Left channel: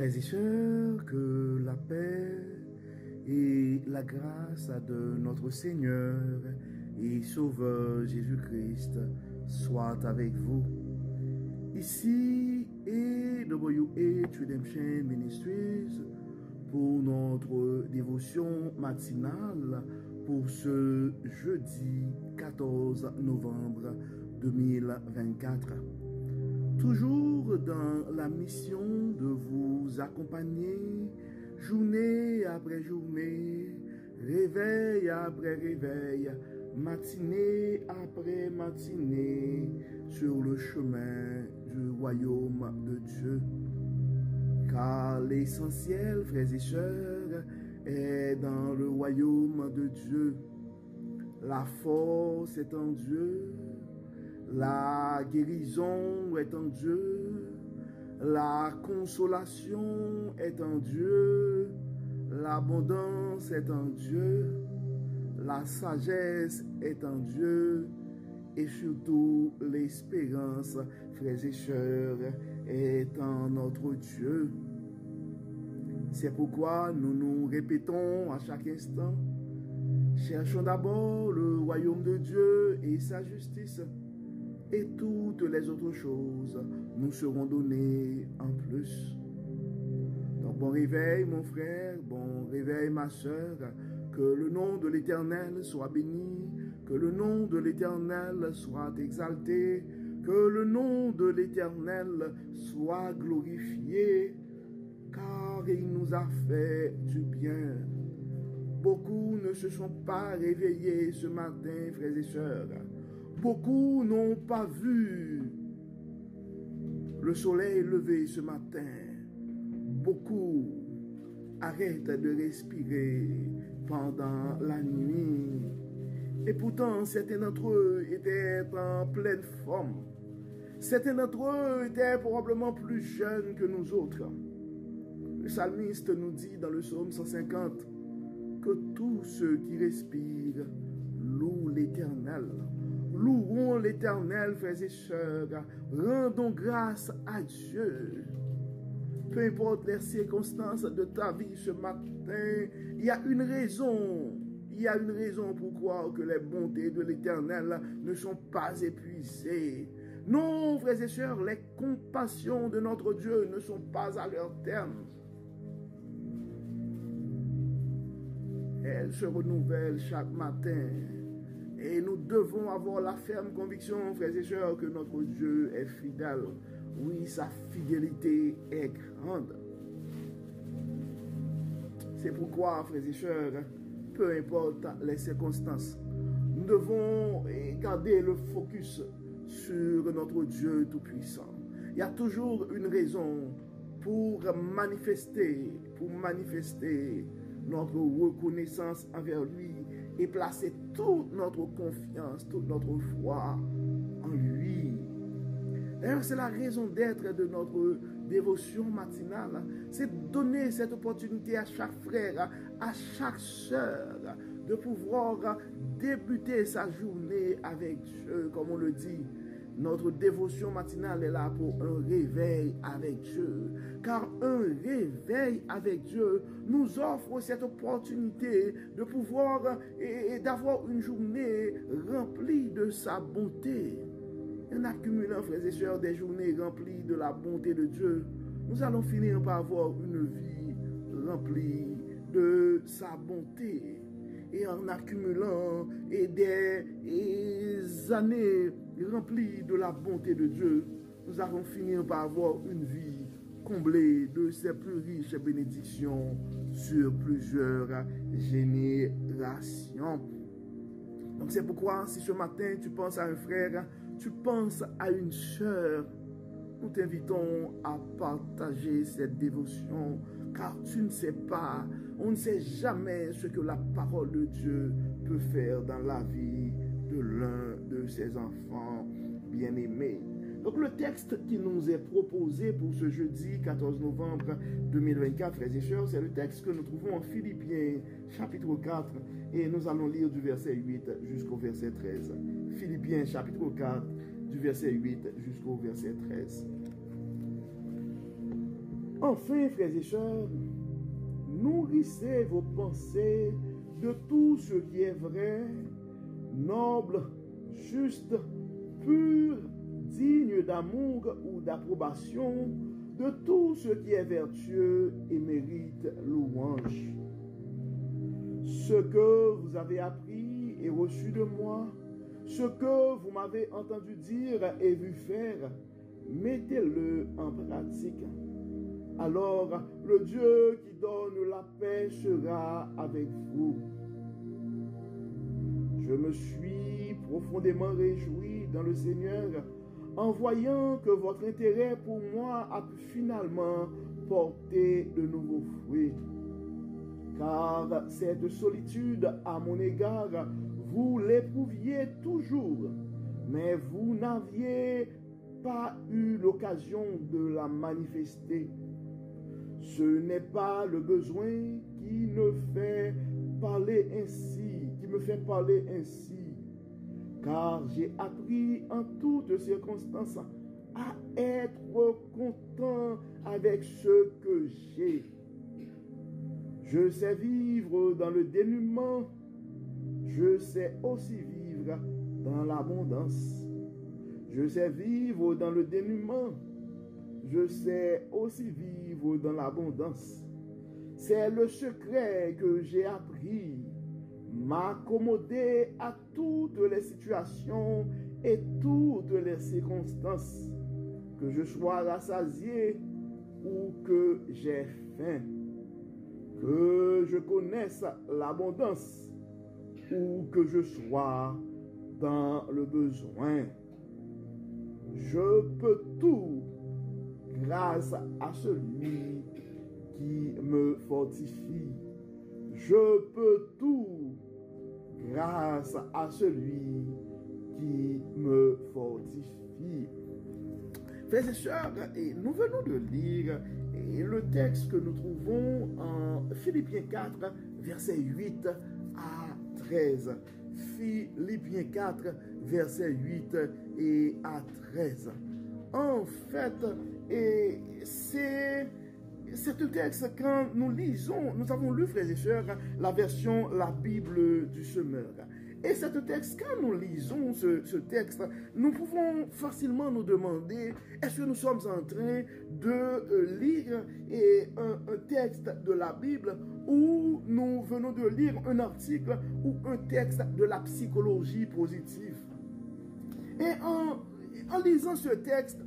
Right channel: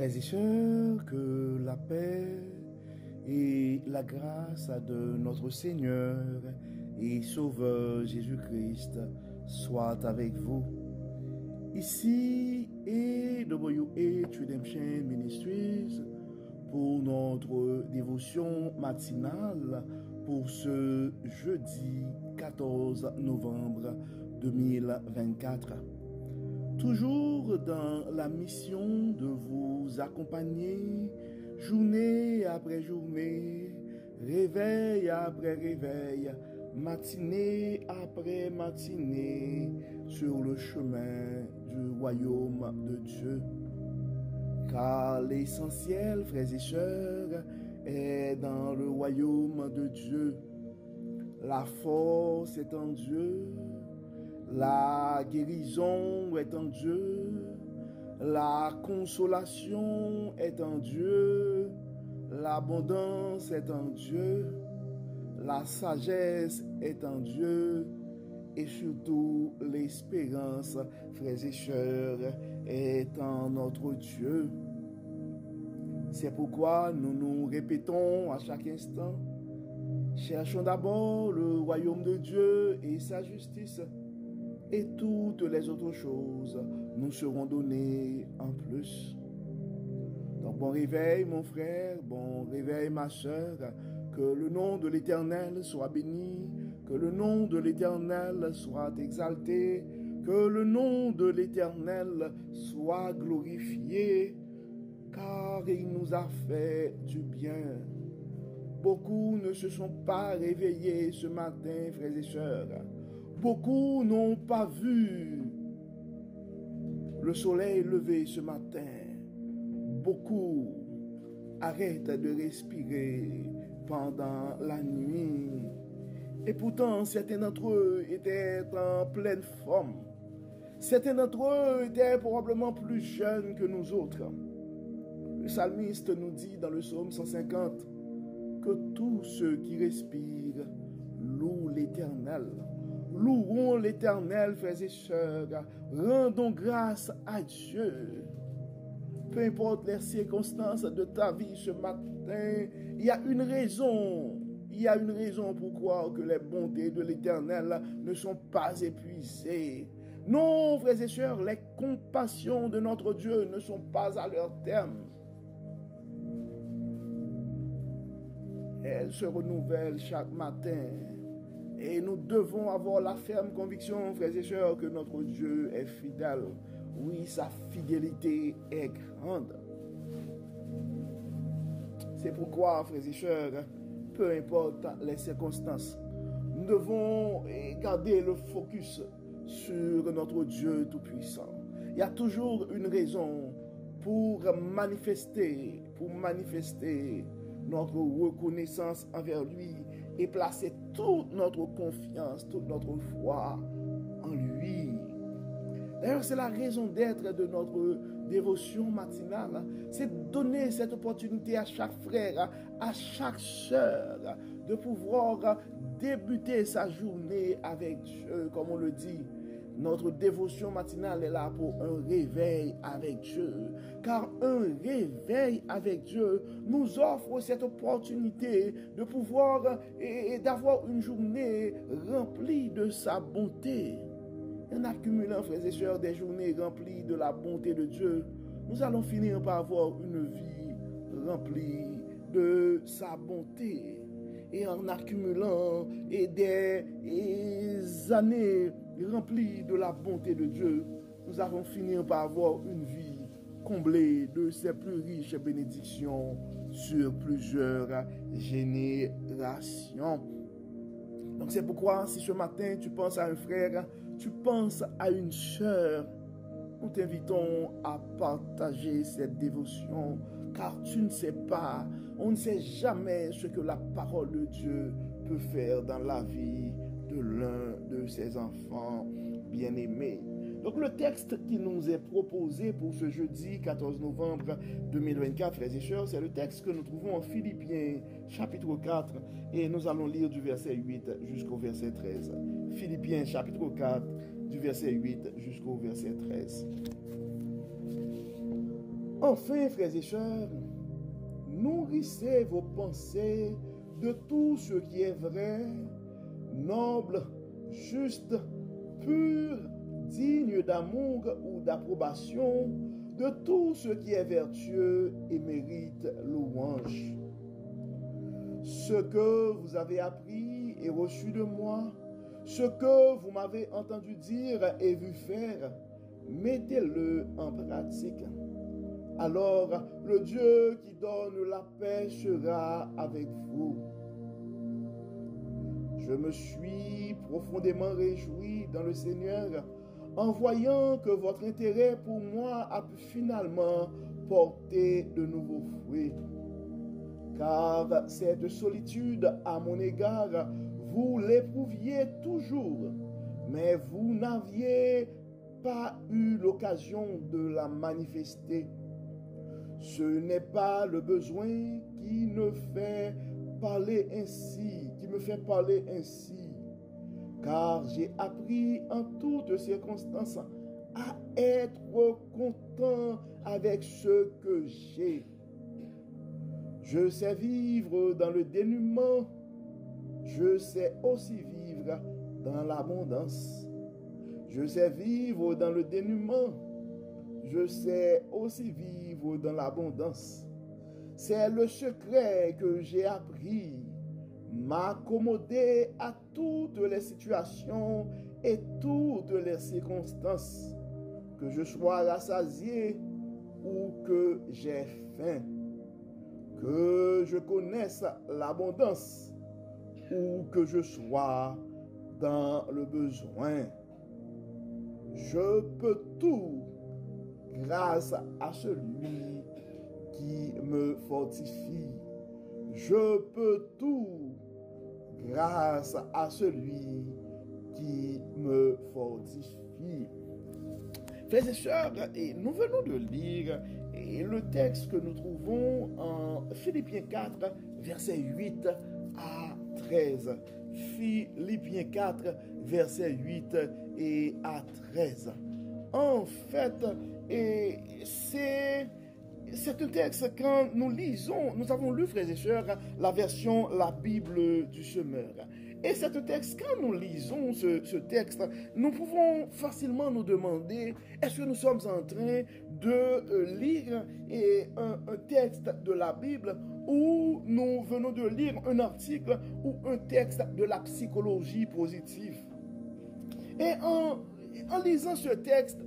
Frères et sœurs, que la paix et la grâce de notre Seigneur et Sauveur Jésus-Christ soient avec vous. Ici est WH Redemption Ministries pour notre dévotion matinale pour ce jeudi 14 novembre 2024. Toujours dans la mission de vous accompagner, journée après journée, réveil après réveil, matinée après matinée, sur le chemin du royaume de Dieu. Car l'essentiel, frères et sœurs, est dans le royaume de Dieu. La force est en Dieu. La guérison est en Dieu, la consolation est en Dieu, l'abondance est en Dieu, la sagesse est en Dieu et surtout l'espérance, frères et sœurs, est en notre Dieu. C'est pourquoi nous nous répétons à chaque instant, cherchons d'abord le royaume de Dieu et sa justice. Et toutes les autres choses nous seront données en plus. Donc bon réveil mon frère, bon réveil ma sœur, que le nom de l'Éternel soit béni, que le nom de l'Éternel soit exalté, que le nom de l'Éternel soit glorifié, car il nous a fait du bien. Beaucoup ne se sont pas réveillés ce matin, frères et sœurs. Beaucoup n'ont pas vu le soleil lever ce matin. Beaucoup arrêtent de respirer pendant la nuit. Et pourtant, certains d'entre eux étaient en pleine forme. Certains d'entre eux étaient probablement plus jeunes que nous autres. Le psalmiste nous dit dans le psaume 150 que tous ceux qui respirent louent l'Éternel. Louons l'Éternel, frères et sœurs, rendons grâce à Dieu. Peu importe les circonstances de ta vie ce matin, il y a une raison. Il y a une raison pour croire que les bontés de l'Éternel ne sont pas épuisées. Non, frères et sœurs, les compassions de notre Dieu ne sont pas à leur terme. Elles se renouvellent chaque matin. Et nous devons avoir la ferme conviction, frères et sœurs, que notre Dieu est fidèle. Oui, sa fidélité est grande. C'est pourquoi, frères et sœurs, peu importe les circonstances, nous devons garder le focus sur notre Dieu Tout-Puissant. Il y a toujours une raison pour manifester notre reconnaissance envers lui et placer toute notre confiance, toute notre foi en lui. D'ailleurs, c'est la raison d'être de notre dévotion matinale. C'est donner cette opportunité à chaque frère, à chaque sœur, de pouvoir débuter sa journée avec Dieu, comme on le dit. Notre dévotion matinale est là pour un réveil avec Dieu. Car un réveil avec Dieu nous offre cette opportunité de pouvoir et d'avoir une journée remplie de sa bonté. En accumulant, frères et sœurs, des journées remplies de la bonté de Dieu, nous allons finir par avoir une vie remplie de sa bonté. Et en accumulant des années remplies de la bonté de Dieu, nous allons finir par avoir une vie comblée de ses plus riches bénédictions sur plusieurs générations. Donc c'est pourquoi si ce matin tu penses à un frère, tu penses à une sœur, nous t'invitons à partager cette dévotion, car tu ne sais pas, on ne sait jamais ce que la parole de Dieu peut faire dans la vie de l'un de ses enfants bien-aimés. Donc le texte qui nous est proposé pour ce jeudi 14 novembre 2024, frères et sœurs, c'est le texte que nous trouvons en Philippiens chapitre 4 et nous allons lire du verset 8 jusqu'au verset 13. Philippiens chapitre 4 du verset 8 jusqu'au verset 13. Enfin, frères et sœurs, nourrissez vos pensées de tout ce qui est vrai, noble, juste, pur, digne d'amour ou d'approbation, de tout ce qui est vertueux et mérite louange. Ce que vous avez appris et reçu de moi, ce que vous m'avez entendu dire et vu faire, mettez-le en pratique. Alors le Dieu qui donne la paix sera avec vous. Je me suis profondément réjoui dans le Seigneur en voyant que votre intérêt pour moi a pu finalement porter de nouveaux fruits. Car cette solitude à mon égard, vous l'éprouviez toujours, mais vous n'aviez pas eu l'occasion de la manifester. Ce n'est pas le besoin qui me fait parler ainsi, car j'ai appris en toutes circonstances à être content avec ce que j'ai. Je sais vivre dans le dénuement, je sais aussi vivre dans l'abondance. Je sais vivre dans le dénuement, je sais aussi vivre dans l'abondance. C'est le secret que j'ai appris, m'accommoder à toutes les situations et toutes les circonstances, que je sois rassasié ou que j'ai faim, que je connaisse l'abondance ou que je sois dans le besoin. Je peux tout grâce à celui qui me fortifie. Je peux tout grâce à celui qui me fortifie. Frères et sœurs, nous venons de lire le texte que nous trouvons en Philippiens 4, versets 8 à 13. Philippiens 4, versets 8 et à 13. En fait, c'est un texte, quand nous lisons, nous avons lu, frères et sœurs, la version, la Bible du semeur. Et ce texte, quand nous lisons ce texte, nous pouvons facilement nous demander, est-ce que nous sommes en train de lire un texte de la Bible ou nous venons de lire un article ou un texte de la psychologie positive? Et en lisant ce texte,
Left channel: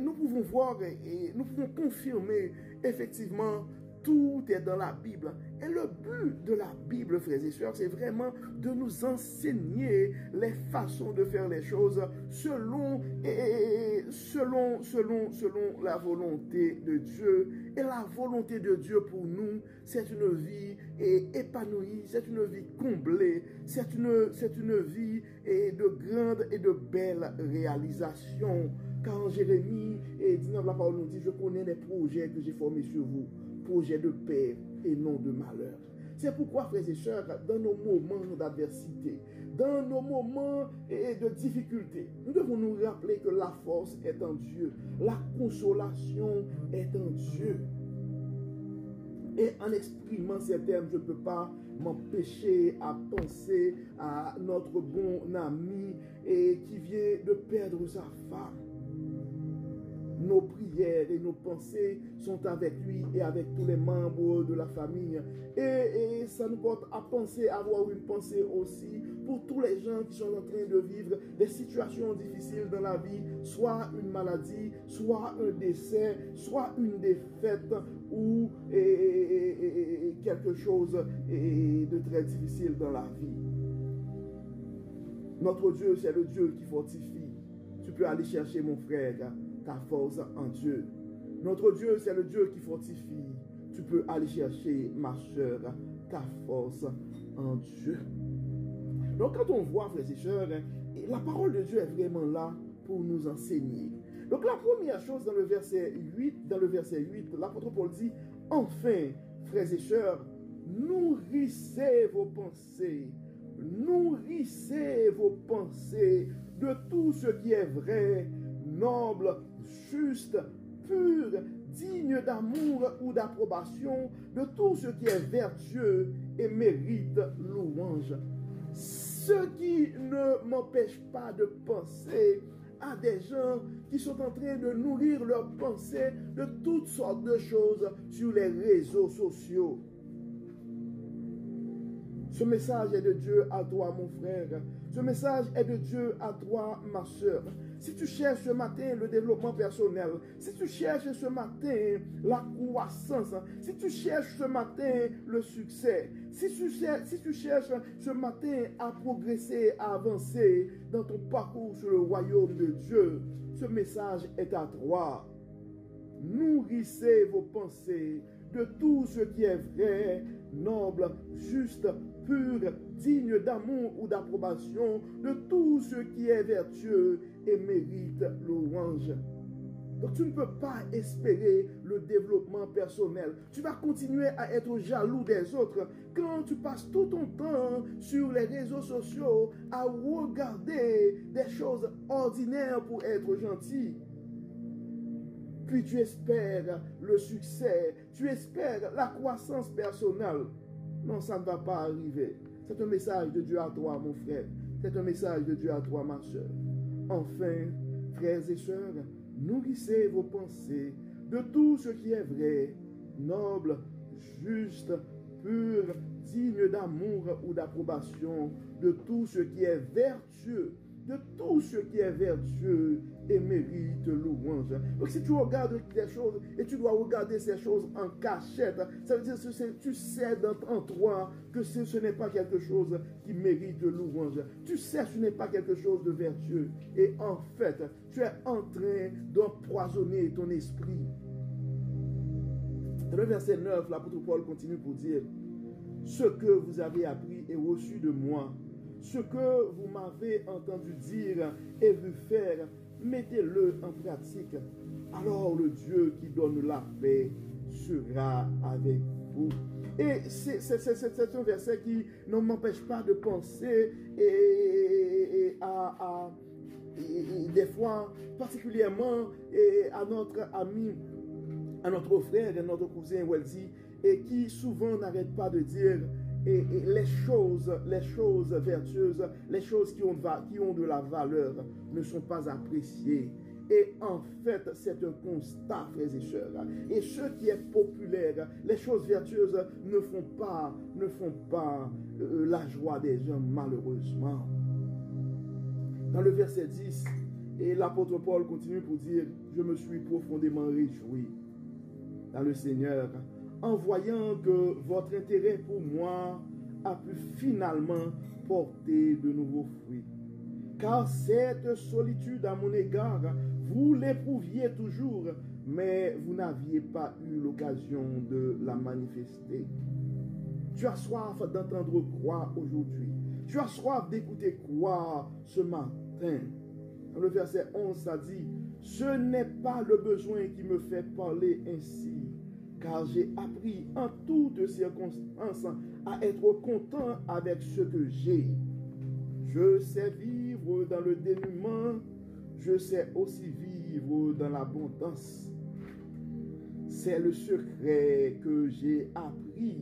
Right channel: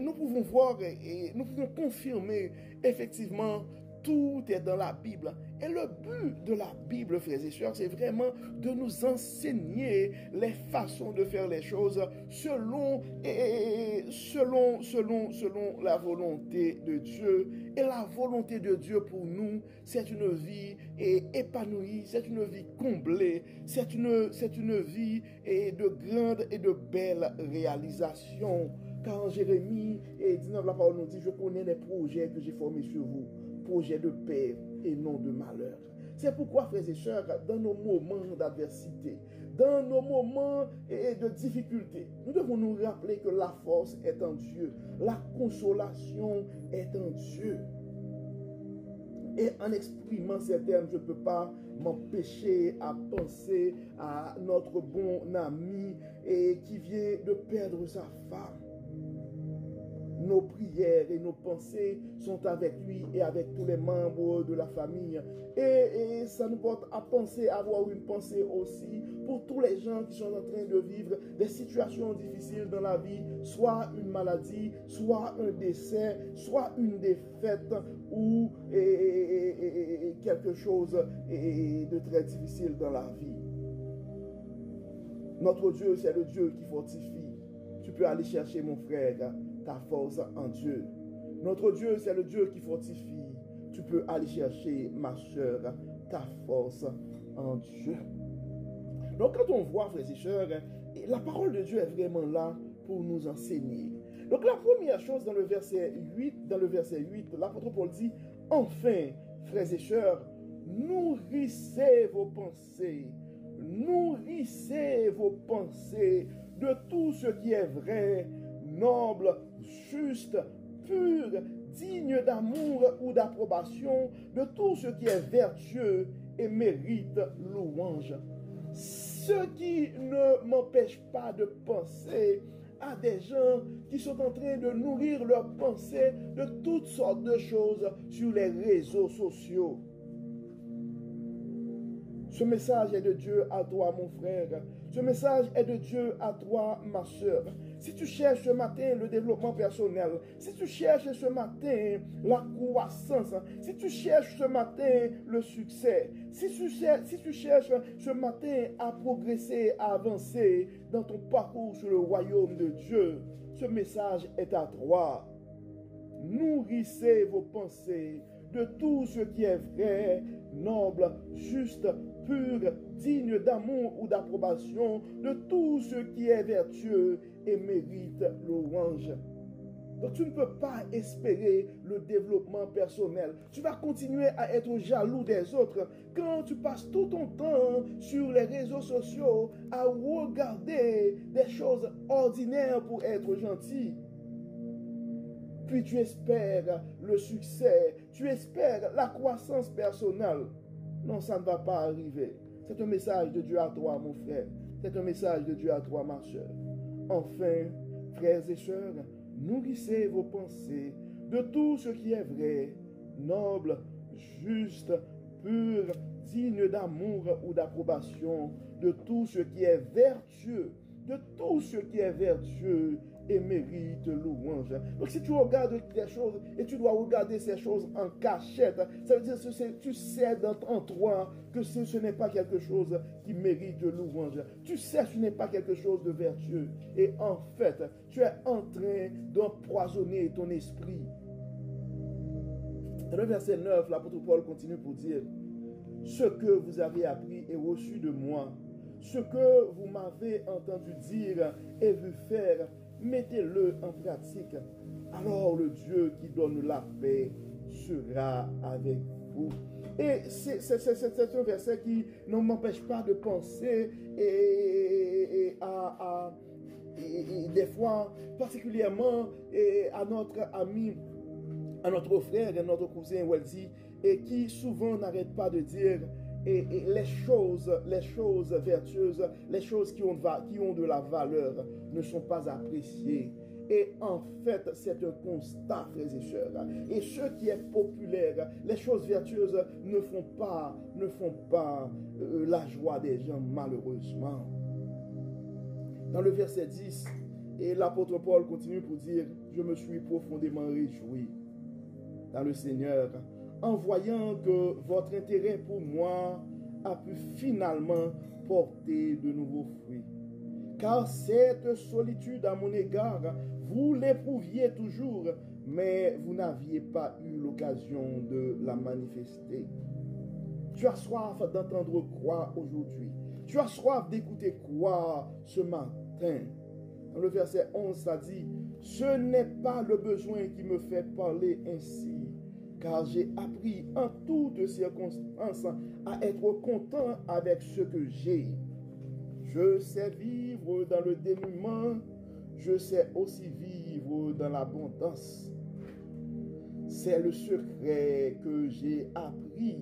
nous pouvons voir et nous pouvons confirmer effectivement tout est dans la Bible. Et le but de la Bible, frères et sœurs, c'est vraiment de nous enseigner les façons de faire les choses selon la volonté de Dieu. Et la volonté de Dieu pour nous, c'est une vie épanouie, c'est une vie comblée, c'est une vie de grande et de belle réalisation. Quand Jérémie dit dans la parole, nous dit, je connais les projets que j'ai formés sur vous, projets de paix et non de malheur. C'est pourquoi, frères et sœurs, dans nos moments d'adversité, dans nos moments de difficulté, nous devons nous rappeler que la force est en Dieu, la consolation est en Dieu. Et en exprimant ces termes, je ne peux pas m'empêcher à penser à notre bon ami qui vient de perdre sa femme. Nos prières et nos pensées sont avec lui et avec tous les membres de la famille. Et ça nous porte à penser, à avoir une pensée aussi pour tous les gens qui sont en train de vivre des situations difficiles dans la vie, soit une maladie, soit un décès, soit une défaite ou quelque chose de très difficile dans la vie. Notre Dieu, c'est le Dieu qui fortifie. Tu peux aller chercher, mon frère, ta force en Dieu. Notre Dieu, c'est le Dieu qui fortifie. Tu peux aller chercher, ma soeur, ta force en Dieu. Donc, quand on voit, frères et sœurs, la parole de Dieu est vraiment là pour nous enseigner. Donc, la première chose dans le verset 8, l'apôtre Paul dit, enfin, frères et sœurs, nourrissez vos pensées de tout ce qui est vrai, noble, juste, pur, digne d'amour ou d'approbation, de tout ce qui est vertueux et mérite louange. Ce qui ne m'empêche pas de penser à des gens qui sont en train de nourrir leurs pensées de toutes sortes de choses sur les réseaux sociaux. Ce message est de Dieu à toi, mon frère. Ce message est de Dieu à toi, ma soeur. Si tu cherches ce matin le développement personnel, si tu cherches ce matin la croissance, si tu cherches ce matin le succès, si tu cherches ce matin à progresser, à avancer dans ton parcours sur le royaume de Dieu, ce message est à toi. Nourrissez vos pensées de tout ce qui est vrai, noble, juste, pur, digne d'amour ou d'approbation, de tout ce qui est vertueux et mérite louange. Donc tu ne peux pas espérer le développement personnel. Tu vas continuer à être jaloux des autres quand tu passes tout ton temps sur les réseaux sociaux à regarder des choses ordinaires pour être gentil. Puis tu espères le succès, tu espères la croissance personnelle. Non, ça ne va pas arriver. C'est un message de Dieu à toi, mon frère. C'est un message de Dieu à toi, ma soeur. Enfin, frères et sœurs, nourrissez vos pensées de tout ce qui est vrai, noble, juste, pur, digne d'amour ou d'approbation, de tout ce qui est vertueux, de tout ce qui est vertueux et mérite louange. Donc si tu regardes des choses et tu dois regarder ces choses en cachette, ça veut dire que tu sais en toi que ce n'est pas quelque chose qui mérite louange. Tu sais que ce n'est pas quelque chose de vertueux. Et en fait, tu es en train d'empoisonner ton esprit. Dans le verset 9, l'apôtre Paul continue pour dire: ce que vous avez appris et reçu de moi, ce que vous m'avez entendu dire et vu faire, mettez-le en pratique. Alors le Dieu qui donne la paix sera avec vous. Et c'est un verset qui ne m'empêche pas de penser et des fois particulièrement à notre ami, à notre frère et notre cousin Welzy, et qui souvent n'arrête pas de dire et les choses vertueuses, les choses qui ont de la valeur ne sont pas appréciées. Et en fait, c'est un constat, frères et sœurs. Et ce qui est populaire, les choses vertueuses ne font pas la joie des gens, malheureusement. Dans le verset 10, et l'apôtre Paul continue pour dire: je me suis profondément réjoui dans le Seigneur, en voyant que votre intérêt pour moi a pu finalement porter de nouveaux fruits. Car cette solitude à mon égard, vous l'éprouviez toujours, mais vous n'aviez pas eu l'occasion de la manifester. Tu as soif d'entendre quoi aujourd'hui? Tu as soif d'écouter quoi ce matin? Dans le verset 11, ça dit: ce n'est pas le besoin qui me fait parler ainsi, car j'ai appris en toutes circonstances à être content avec ce que j'ai. Je sais vivre dans le dénuement, je sais aussi vivre dans l'abondance. C'est le secret que j'ai appris,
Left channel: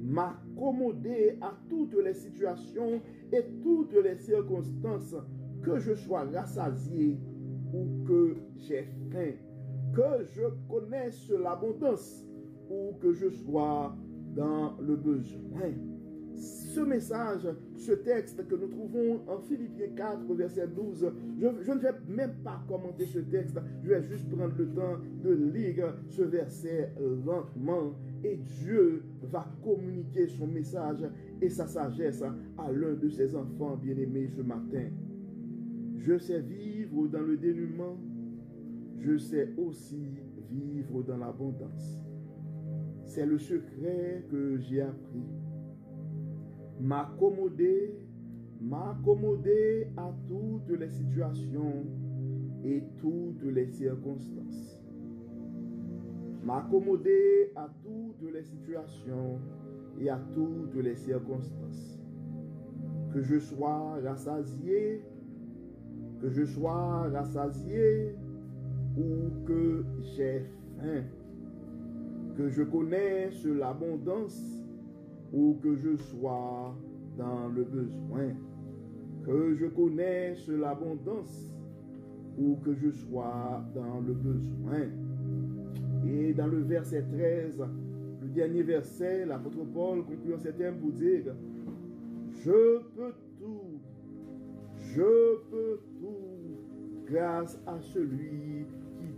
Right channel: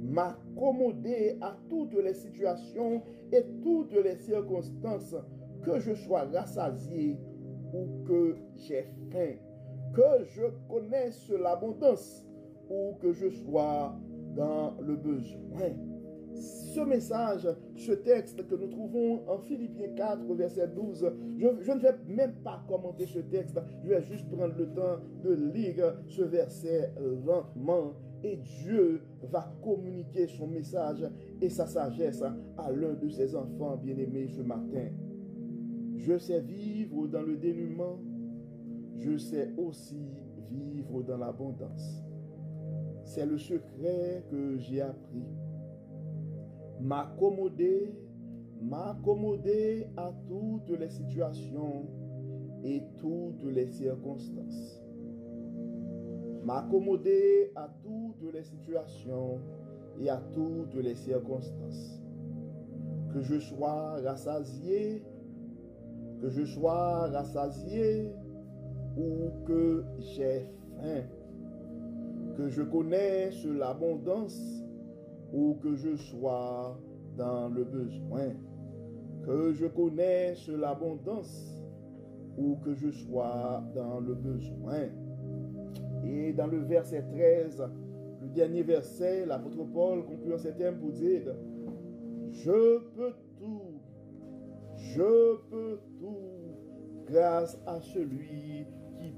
m'accommoder à toutes les situations et toutes les circonstances, que je sois rassasié ou que j'ai faim, que je connaisse l'abondance ou que je sois dans le besoin. Ce message, ce texte que nous trouvons en Philippiens 4, verset 12, je ne vais même pas commenter ce texte, je vais juste prendre le temps de lire ce verset lentement, et Dieu va communiquer son message et sa sagesse à l'un de ses enfants bien-aimés ce matin. Je sais vivre dans le dénuement, je sais aussi vivre dans l'abondance. C'est le secret que j'ai appris. M'accommoder à toutes les situations et toutes les circonstances. M'accommoder à toutes les situations et à toutes les circonstances. Que je sois rassasié, ou que j'ai faim. besoin, que je connaisse l'abondance ou que je sois dans le besoin, que je connaisse l'abondance ou que je sois dans le besoin. Et dans le verset 13, le dernier verset, l'apôtre Paul conclut en ces termes pour dire: je peux tout grâce à celui qui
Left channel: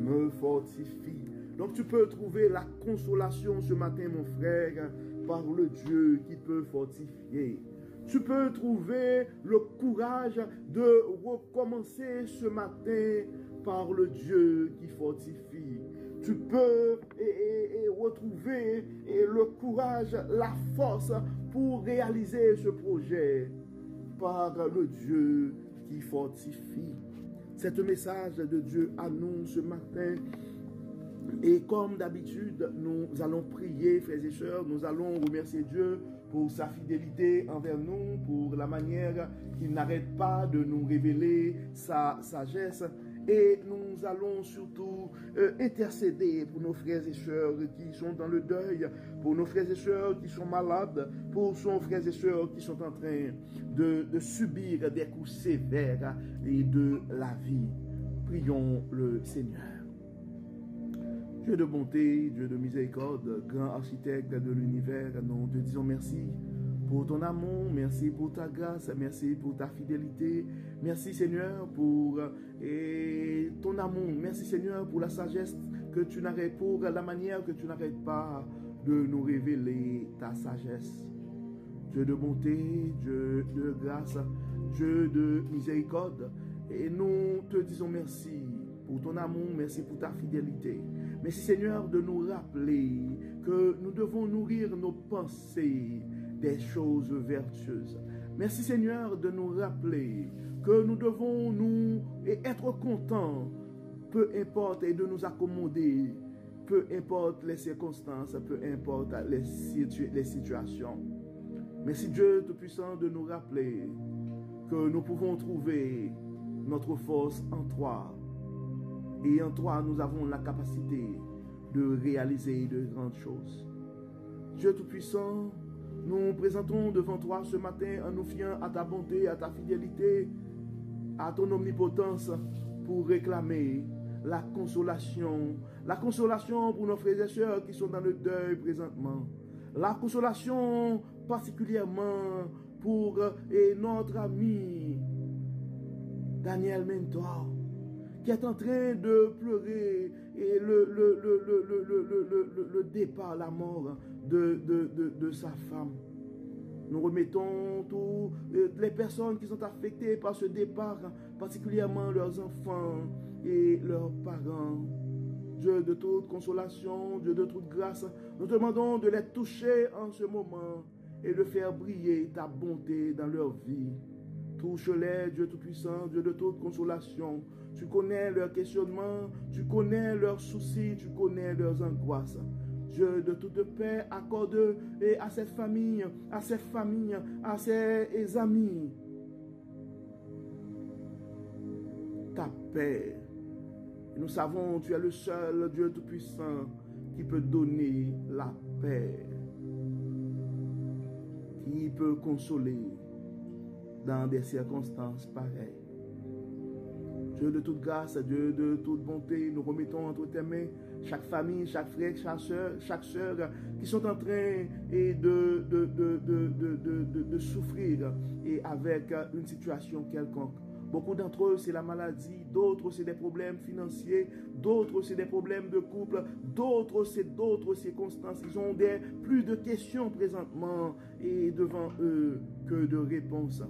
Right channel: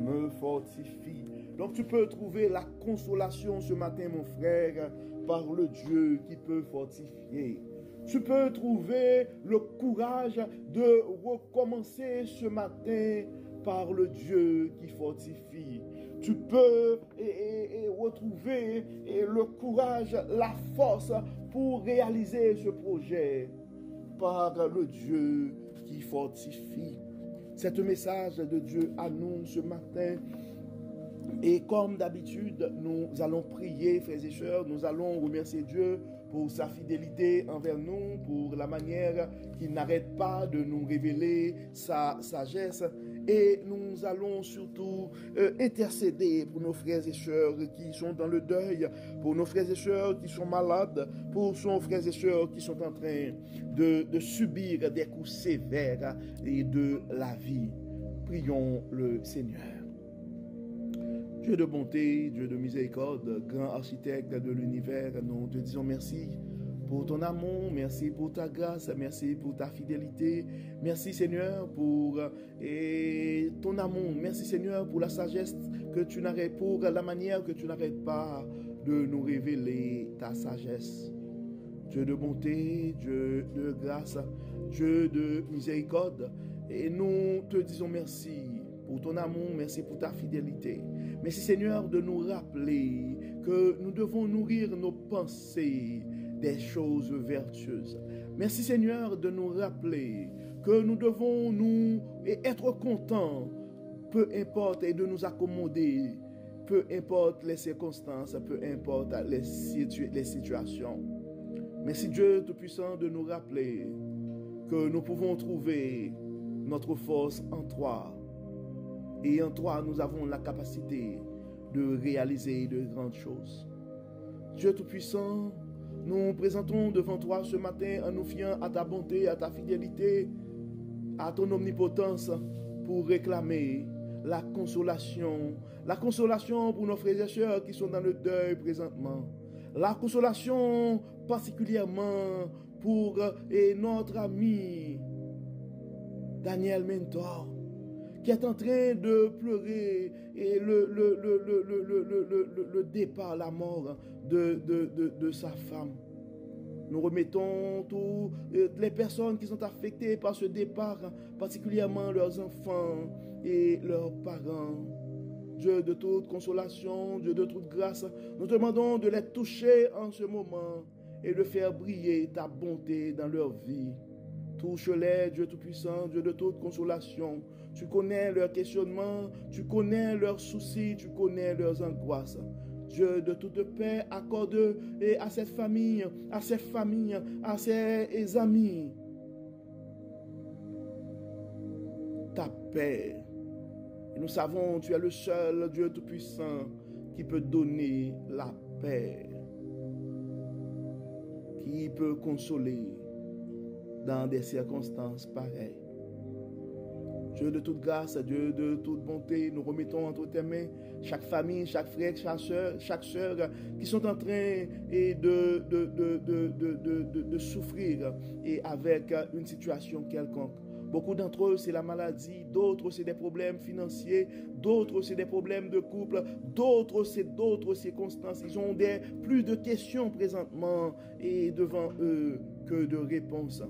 me fortifie. Donc tu peux trouver la consolation ce matin, mon frère, par le Dieu qui peut fortifier. Tu peux trouver le courage de recommencer ce matin par le Dieu qui fortifie. Tu peux retrouver le courage, la force pour réaliser ce projet par le Dieu qui fortifie. C'est un message de Dieu à nous ce matin. Et comme d'habitude, nous allons prier, frères et sœurs, nous allons remercier Dieu pour sa fidélité envers nous, pour la manière qu'il n'arrête pas de nous révéler sa sagesse. Et nous allons surtout intercéder pour nos frères et sœurs qui sont dans le deuil, pour nos frères et sœurs qui sont malades, pour nos frères et sœurs qui sont en train de subir des coups sévères et de la vie. Prions le Seigneur. Dieu de bonté, Dieu de miséricorde, grand architecte de l'univers, nous te disons merci pour ton amour, merci pour ta grâce, merci pour ta fidélité, merci Seigneur pour ton amour, merci Seigneur pour la sagesse que tu n'arrêtes, pour la manière que tu n'arrêtes pas de nous révéler ta sagesse. Dieu de bonté, Dieu de grâce, Dieu de miséricorde, et nous te disons merci pour ton amour, merci pour ta fidélité. Merci Seigneur de nous rappeler que nous devons nourrir nos pensées des choses vertueuses. Merci Seigneur de nous rappeler que nous devons nous être contents, peu importe, et de nous accommoder, peu importe les circonstances, peu importe les situations. Merci Dieu Tout-Puissant de nous rappeler que nous pouvons trouver notre force en toi. Et en toi, nous avons la capacité de réaliser de grandes choses. Dieu Tout-Puissant, nous présentons devant toi ce matin en nous fiant à ta bonté, à ta fidélité, à ton omnipotence pour réclamer la consolation pour nos frères et sœurs qui sont dans le deuil présentement, la consolation particulièrement pour notre ami Daniel Mentor, qui est en train de pleurer et le départ, la mort de sa femme. Nous remettons toutes les personnes qui sont affectées par ce départ, particulièrement leurs enfants et leurs parents. Dieu de toute consolation, Dieu de toute grâce, nous te demandons de les toucher en ce moment et de faire briller ta bonté dans leur vie. Touche-les, Dieu Tout-Puissant, Dieu de toute consolation. Tu connais leurs questionnements, tu connais leurs soucis, tu connais leurs angoisses. Dieu de toute paix, accorde à cette famille, à ses familles, à ses amis ta paix. Et nous savons, tu es le seul Dieu Tout-Puissant qui peut donner la paix, qui peut consoler dans des circonstances pareilles. Dieu de toute grâce, Dieu de toute bonté, nous remettons entre tes mains chaque famille, chaque frère, chaque sœur qui sont en train de souffrir et avec une situation quelconque. Beaucoup d'entre eux, c'est la maladie, d'autres, c'est des problèmes financiers, d'autres, c'est des problèmes de couple, d'autres, c'est d'autres circonstances. Ils ont plus de questions présentement et devant eux que de réponses.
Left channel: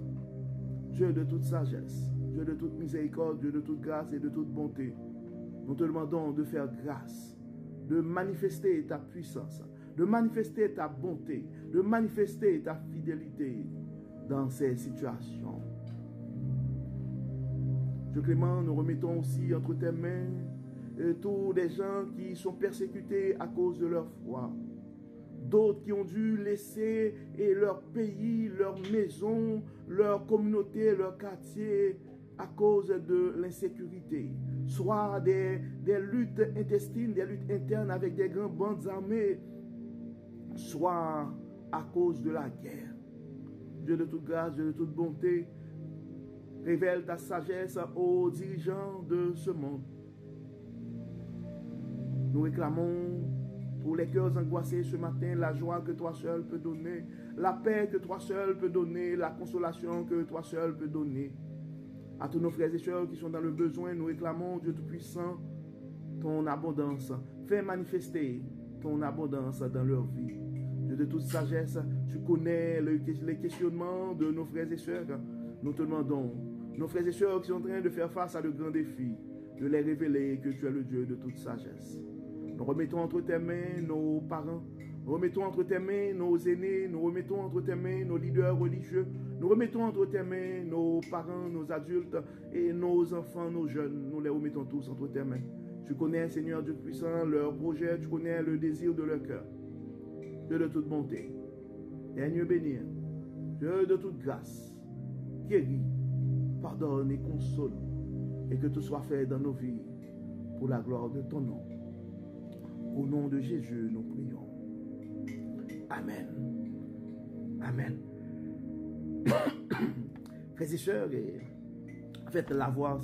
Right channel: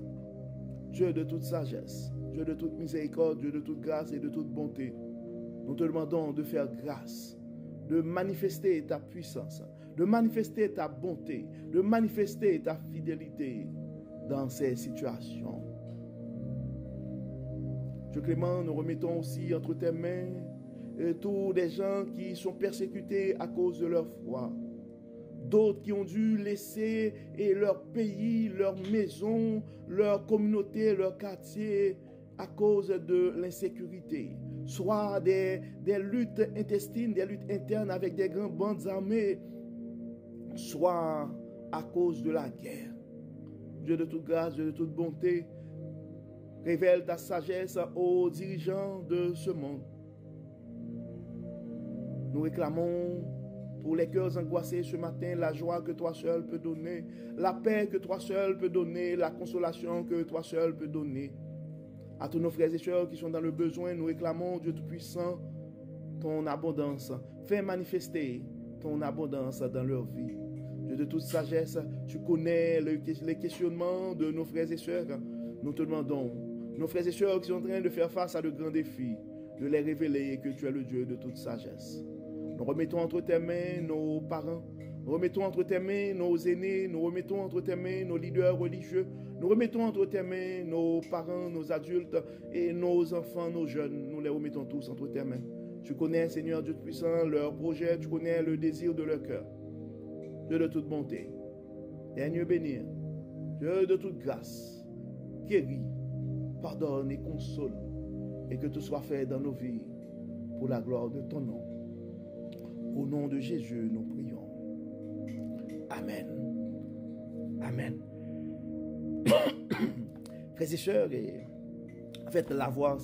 Dieu de toute sagesse, Dieu de toute miséricorde, Dieu de toute grâce et de toute bonté, nous te demandons de faire grâce, de manifester ta puissance, de manifester ta bonté, de manifester ta fidélité dans ces situations. Dieu clément, nous remettons aussi entre tes mains tous les gens qui sont persécutés à cause de leur foi. D'autres qui ont dû laisser leur pays, leur maison, leur communauté, leur quartier à cause de l'insécurité. soit des luttes intestines, des luttes internes avec des grandes bandes armées, soit à cause de la guerre. Dieu de toute grâce, Dieu de toute bonté, révèle ta sagesse aux dirigeants de ce monde. Nous réclamons pour les cœurs angoissés ce matin la joie que toi seul peux donner, la paix que toi seul peux donner, la consolation que toi seul peux donner. À tous nos frères et sœurs qui sont dans le besoin, nous réclamons, Dieu Tout-Puissant, ton abondance. Fais manifester ton abondance dans leur vie. Dieu de toute sagesse, tu connais les questionnements de nos frères et sœurs. Nous te demandons, nos frères et sœurs qui sont en train de faire face à de grands défis, de les révéler que tu es le Dieu de toute sagesse. Nous remettons entre tes mains nos parents, nous remettons entre tes mains nos aînés, nous remettons entre tes mains nos leaders religieux, nous remettons entre tes mains nos parents, nos adultes et nos enfants, nos jeunes. Nous les remettons tous entre tes mains. Tu connais, Seigneur Dieu puissant, leurs projets, tu connais le désir de leur cœur. Dieu de toute bonté, Dieu bénir, Dieu de toute grâce, guéris, pardonne et console, et que tout soit fait dans nos vies pour la gloire de ton nom. Au nom de Jésus, nous prions. Amen. Amen. Frères et sœurs, en fait, la voix,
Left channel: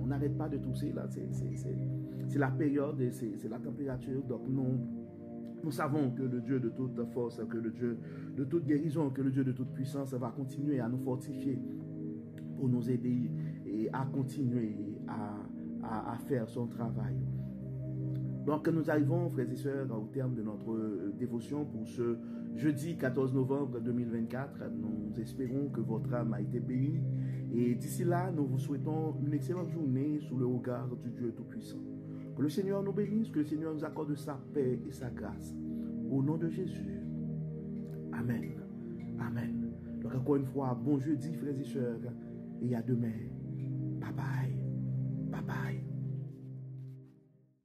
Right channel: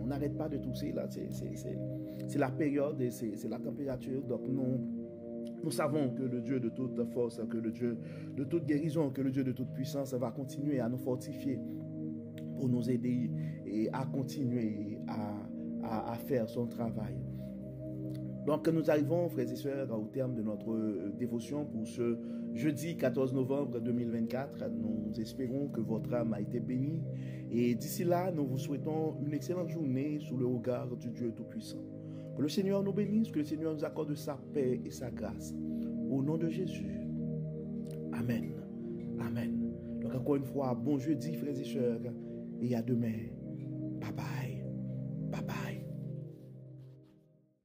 on n'arrête pas de tousser, là. C'est la période et c'est la température. Donc, nous savons que le Dieu de toute force, que le Dieu de toute guérison, que le Dieu de toute puissance va continuer à nous fortifier pour nous aider et à continuer à faire son travail. Donc nous arrivons, frères et sœurs, au terme de notre dévotion pour ce jeudi 14 novembre 2024. Nous espérons que votre âme a été bénie. Et d'ici là, nous vous souhaitons une excellente journée sous le regard du Dieu Tout-Puissant. Que le Seigneur nous bénisse, que le Seigneur nous accorde sa paix et sa grâce. Au nom de Jésus. Amen. Amen. Donc encore une fois, bon jeudi, frères et sœurs. Et à demain. Bye bye.